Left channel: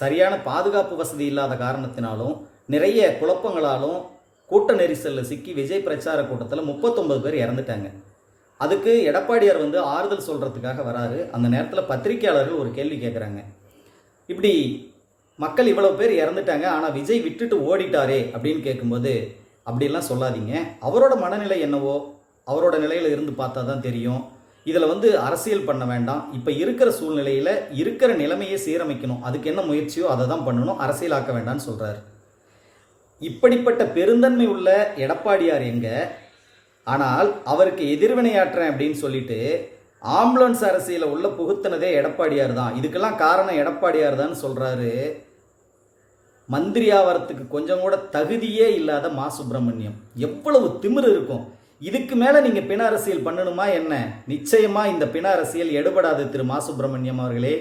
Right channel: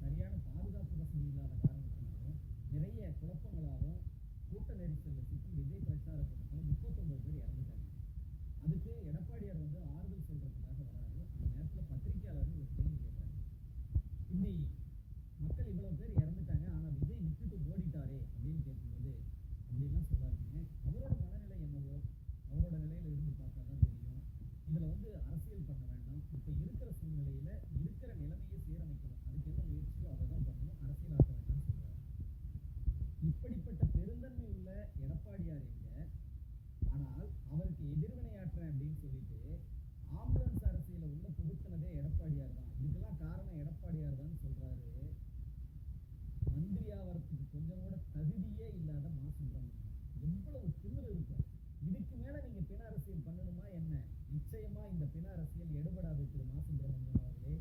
சரியான பாதுகாப்பு வசதி இல்லாத காரணத்தினாலும் நிறைய குழப்பங்களாலும் கூட்ட நெரிசலில் சிக்கி விஜய் பிரச்சார கூட்டத்தில் முப்பத்தொன்பது பேர் இறந்துட்டாங்க. அதுக்கு எடப்பாடியார் வந்து ஆறுதல் சொல்கிறதுக்காக வராரு. அந்த நேரத்தில் பத்திரிக்கையாளர்கள் ஒரு கேள்வி கேட்குறாங்க இப்படி மக்கள் இவ்வளோ பேர் இறந்துட்டாங்க ஆனால் விஜய் விட்டுட்டு ஓடிட்டாரே அப்படின்னு கேட்கும்போது அப்படிலாம் சொல்லாதீங்க. அவரோட மனநிலை என்னவோ அவரோட நிலையில் இருந்து பார்த்தா தான் தெரியும். இதில் வந்து அரசியல் பண்ண வேண்டாம். இப்போ இருக்கிற சூழ்நிலையில் இருக்கிற நிலைமையை சீரமைக்கணும். அதுக்கு என்ன முயற்சியோ அதை தான் பண்ணணும். அரசியலாக்க வேண்டாம்னு சொல்கிறார் இப்படிப்பட்ட பெருந்தன்மை உள்ள எடப்பாடியார் எங்க? ஆனால் அவருக்கு எதிர்வினையாற்றுறேன் அப்படின்னு சொல்லிட்டு ஆம்புலன்ஸ் அரசியல உள்ள புகுத்தினதே எடப்பாடியார் தான். இதுக்கெல்லாம் காரணம் எடப்பாடியார் தான் சொல்றாரு. மந்திரி ஆவறதுக்கு கொஞ்சம் கூட தகுதியே இல்லாத மா சுப்பிரமணியம். எவ்வளவு திமிர் இருக்கும். இதுக்கு மேலே நீங்கள் பிண அரசியல் பண்ணணுமா என்ன? நிச்சயமாக இந்த பிண அரசியல் எடுபடாது திரு மா சுப்பிரமணியம் அவர்களே.